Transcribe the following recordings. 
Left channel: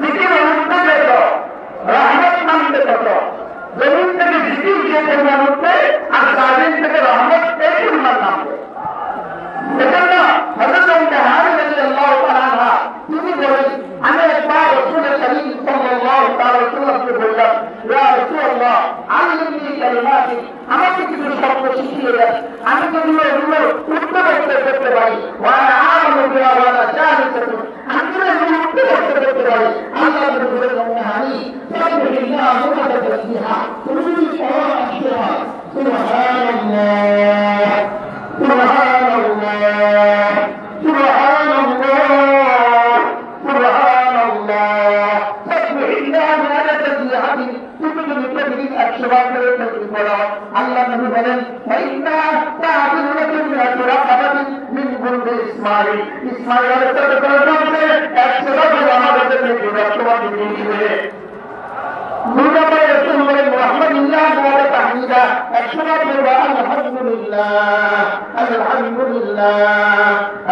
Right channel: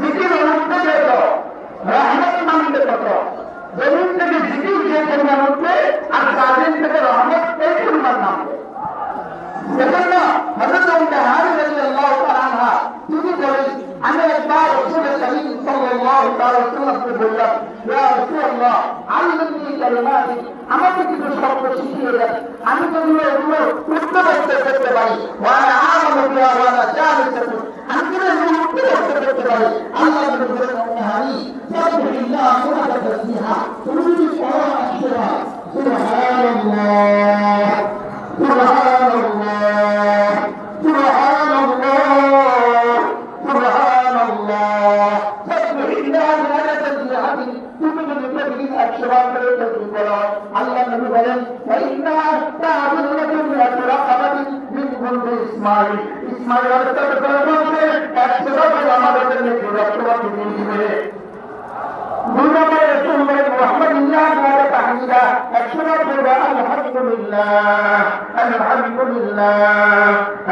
জিকির উঠতে যেত রহমত মানতে কত জমিন থেকে জিকির যে পরিমাণ উঠবে আর জামিন থেকে রহমত এই পরিমাণ নামবে। সেজন্য হযরত জাহান রাদিয়াল্লাহু তাআলা তিনি বলেন, আমি একবার রাসূল করিম সাল্লাল্লাহু আলাইহি ওয়াসাল্লামকে বললাম, ইয়া রাসূলুল্লাহ আল্লিমনি কালিমাতি, আমাকে কিছু শব্দ শিখিয়ে দেন, আমি যদি এগুলো উত্তর করতে পারি, ওয়া আ'লামু বিহা ওয়া লা জাহিলু, আমি যদি এগুলো উত্তর করতে পারি, আল্লাহ বলেন আমি সাবহানাল্লাহ ওয়া তাসবিহা তুমি সুবহানাল্লাহ সুবহানাল্লাহ সুবহানাল্লাহ সুবহানাল্লাহ সাবহানাল্লাহ ওয়া তাসবিহা তুমি যদি প্রতিদিন 100 বার করে তাসবিহ করো, আল্লাহ নবী বলেন ইন্না তা'বুদুল্লাহুম রাকাবাতিন মিন কুল্লি ইসমাইল, ইসমাইলের তরফ থেকে 100 বার আমাদের জন্য বিরততা দিয়ে দিবে। আলহামদুলিল্লাহ আলহামদুলিল্লাহ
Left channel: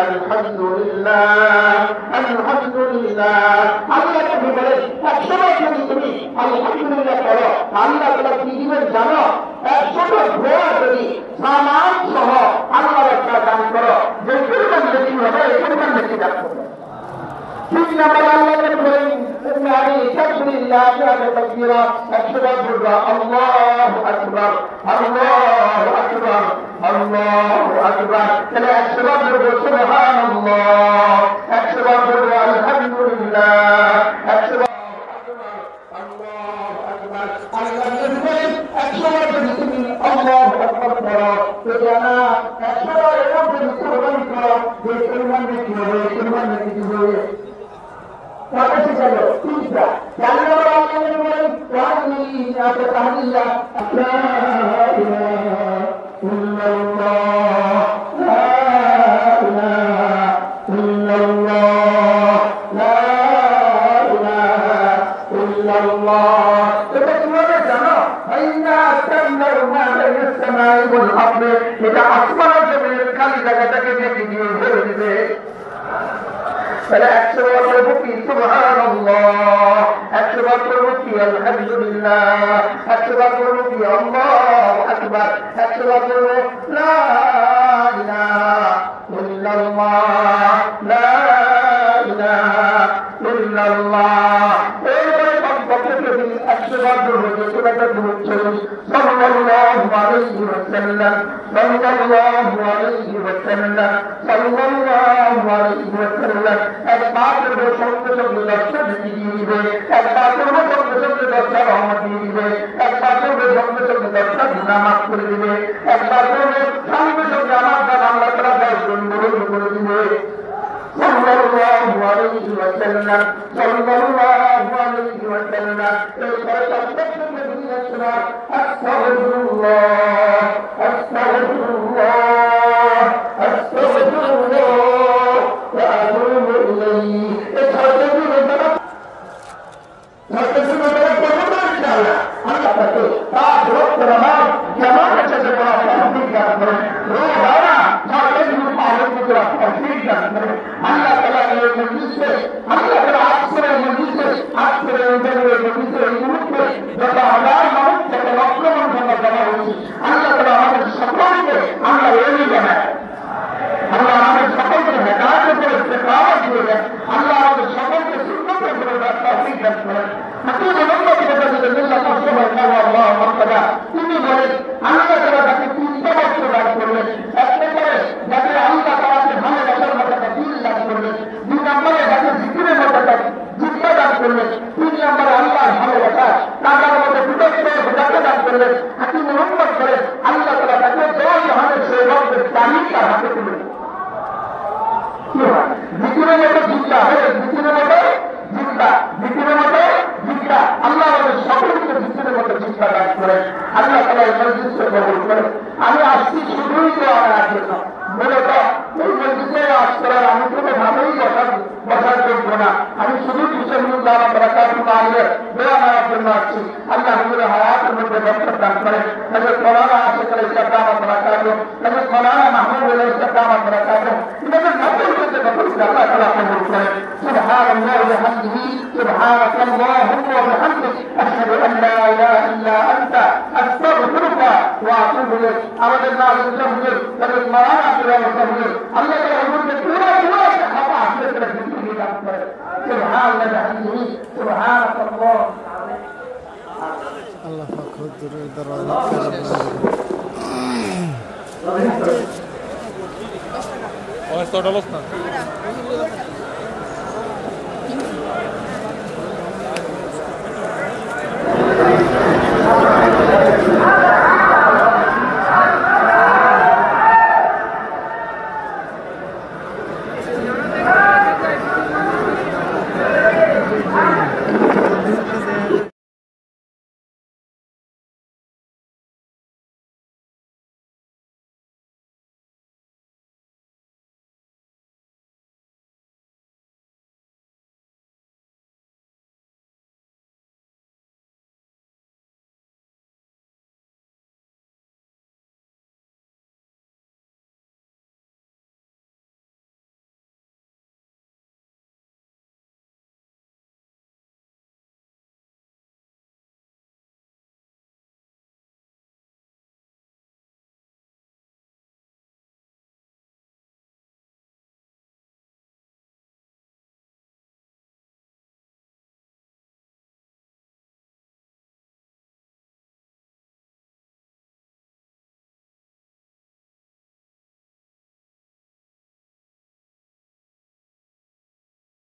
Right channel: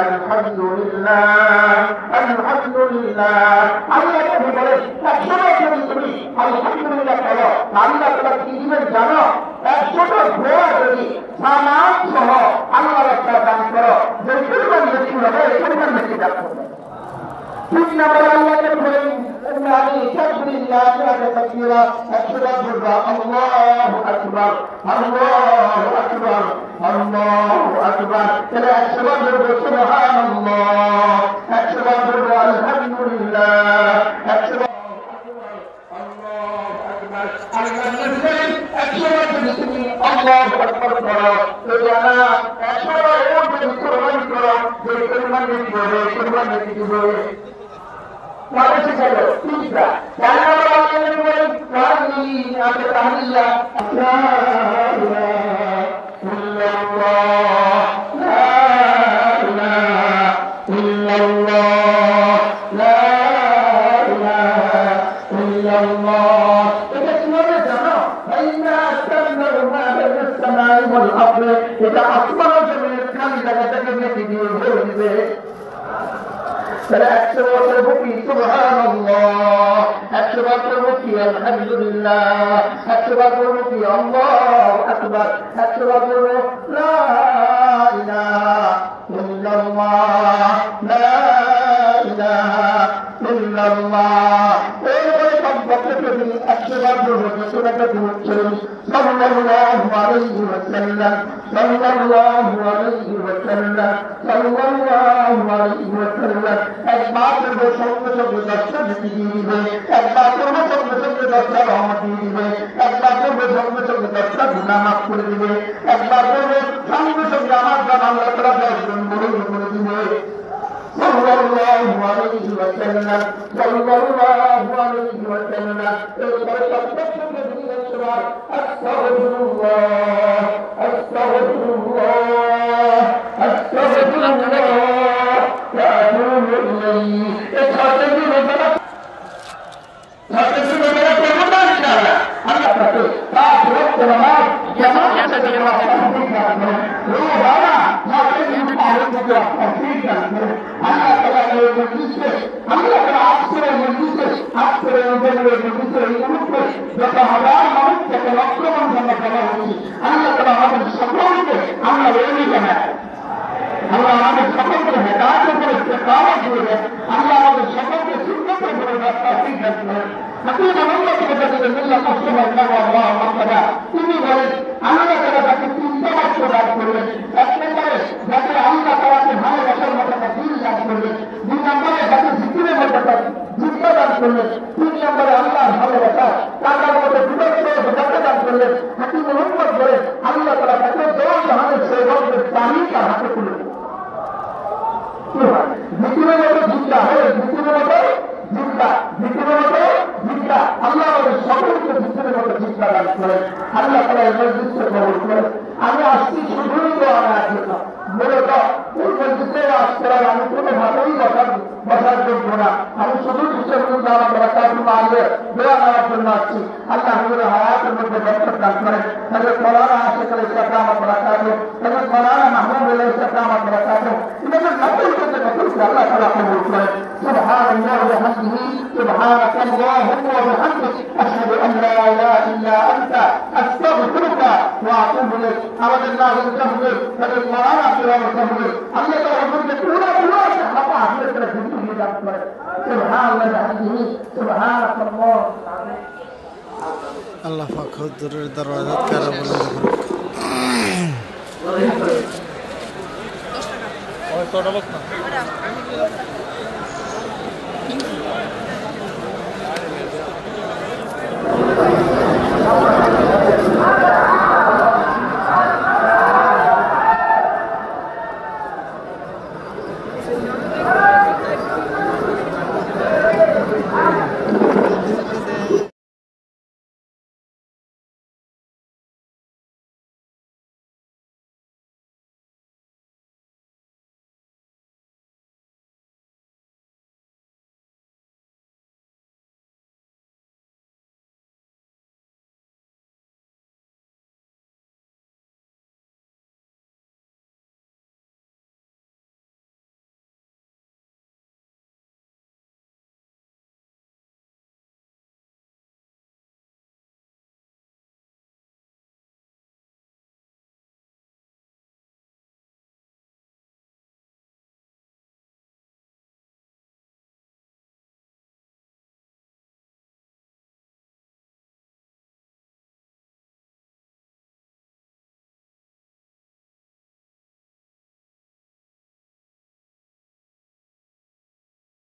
আলহামদুলিল্লাহ আলহামদুলিল্লাহ। আল্লাহ তুমি বলে তুমি আলহামদুলিল্লাহ করো, আল্লাহ তাআলা কি দিবেন জানো? 100টা ঘোড়া যদি সামান সহ আল্লাহ একটা দান করো, যে পরিমাণ বেশি হবে এই পরিমাণ বেশি দান করবে। ঠিক না বলে আল্লাহ বলেন আমি সাবহানাল্লাহ ওয়া তাকবীরা 100 বার বলবা আল্লাহু আকবার আল্লাহু আকবার আল্লাহু আকবার। তাহলে 100 বার বলবো সুবহানাল্লাহ, 100 বার বলবো আলহামদুলিল্লাহ, 100 বার আল্লাহু আকবার। আল্লাহ বলেন 100 বার যদি তুমি আল্লাহু আকবার করো, তো জানা 100 বার এরকম যদি কুরবানি করো, যে পরিমাণ বেশি হবে এই পরিমাণ বেশি হবে। What's it called? Pizza. Canada বলেন কালি আছে তাহলিয়া লা ইলাহা ইল্লাল্লাহ লা ইলাহা ইল্লাল্লাহ লা ইলাহা ইল্লাল্লাহ। এটা কিভাবে জানো? আইনা আকান্নার মা'আল সামাই ওয়াল আরদ, এটা আসমান ও জমিনের খালি জায়গাটাকে দেখে দিয়ে ভরে দিবে। 100 বার বলবো কি সুবহানাল্লাহ, 100 বার বলবো কি আলহামদুলিল্লাহ, 100 বার বলবো কি আল্লাহু আকবার, 100 বার বলবো লা ইলাহা ইল্লাল্লাহ লা ইলাহা ইল্লাল্লাহ। এইভাবে কমপক্ষে যদি 100 বার বলবো, যে সুরাটা পড়ছেন সাল্লাল্লাহু আলাইহি ওয়াসাল্লাম সাল্লাল্লাহু আলাইহি ওয়াসাল্লাম সাল্লাল্লাহু আলাইহি ওয়াসাল্লাম, একবার করবো সঙ্গে সঙ্গে 10টা দিয়ে দিবে, একবার করবো সঙ্গে সঙ্গে 10টা রহমত দিয়ে দিবে, একবার করবো সঙ্গে সঙ্গে 10টা গুনাহ মাফ করে দিবে, একবার করবো সঙ্গে সঙ্গে আমার দ্বারা আল্লাহ তাআলা 10 গুণ করে দিবে। সাল্লাল্লাহু আলাইহি ওয়াসাল্লাম সাল্লাল্লাহু আলাইহি ওয়াসাল্লাম। এইবারে সবথেকে বেশি আসবার আস্তাগফিরুল্লাহ আস্তাগফিরুল্লাহ আস্তাগফিরুল্লাহ ওয়া আতুবু ইলাইহি। এই ছয়টি রোজা আল্লাহ তাকে 5 ওয়াক্ত নামাজ জামাতের সাথে পড়া তৌফিক দান করেন। রোজানা মাকে জীবন পালন করতে তৌফিক দান করেন। আল্লাহ তাআলা এই মজলিসে, আল্লাহ তাআলা আসরের মজলিসে, আসরের মজলিসে উঠবে যত হাজার মানুষ, যত লক্ষ মানুষ আমরা জমা হচ্ছি, আল্লাহ তাআলা আমাদের সকলকে আল্লাহ এড়িয়ে জানায়, আল্লাহ আমাদের সকলকে হেদায়েত করে ইস্তেকামত করে দেন, আল্লাহ আমাদের সকলকে সুন্নতের উপরে তৌফিক দান করেন। হাকিম মোহাম্মদ রাসূলুল্লাহ সাল্লাল্লাহু আলাইহি ওয়াসাল্লাম তিনি বলেন আল্লাহ তাআলা তাকে 3টা বাক্য দান করলেন। এক নম্বরে যাকে আল্লাহ তাআলাকে ভালোবাসার মতো দিল দান করলেন, 2 নম্বরে যাকে জিকিরের মতো জিহ্বা দান করলেন, 3 নম্বরে আল্লাহর ভালোবাসা তার মধ্যে বিবেক বোঝাতে দান করলেন। হাকিম মোহাম্মদ বলেন আল্লাহ তাআলা তাকে 10 ধরনের সৌভাগ্যের তালিকা হাতে তুলে জিকিরের মতো জিহ্বা হয়, জিকিরের মতো জিহ্বা, জিকিরের মতো জিহ্বা, আল্লাহ আমাদের সকলকে জিকিরের মতো জিহ্বা দান করেন। আল্লাহ তাআলা এই মজলিসে কবুল করেন। আমি আসছি শুধুই তো আমার জন্য, মূলত এই মজলিসে আসতে আমি কোনো ভাবেই বসার যোগ্য না, আমি শুধু কিশোর তাআলা দোয়া করার জন্য আসছি। আল্লাহ হুজুরের হায়াতের মধ্যে বরকত দান করেন। হযরত মাওলানা আশিক আলী সাহেব বারাকাতুহু, হযরত মাওলানা মাহমুদ আলী সাহেব বারাকাতুহু, ইনাদের নকল করতে কবুল করে আল্লাহ তাআলা কবুল করেন। সুবহানাল্লাহি ওয়া বিহামদিহি, সুবহানাল্লাহি ওয়া বিহামদিহি, আশহাদু আন লা ইলাহা ইল্লা আনতা, আস্তাগফিরুকা ওয়া আতুবু ইলাইক। আমাদের নাযির হুজুর হযরত মাওলানা আব্দুল হুজুর আল্লাহ তাআলা হুজুরকে পুরো সাফা হাতে করে জিন্দগি দান করেন। সুবহানাল্লাহি ওয়া বিহামদিহি, সুবহানাল্লাহ। আল্লাহ পাক হুজুরের দরওয়াজা কারা বলে অবস্থা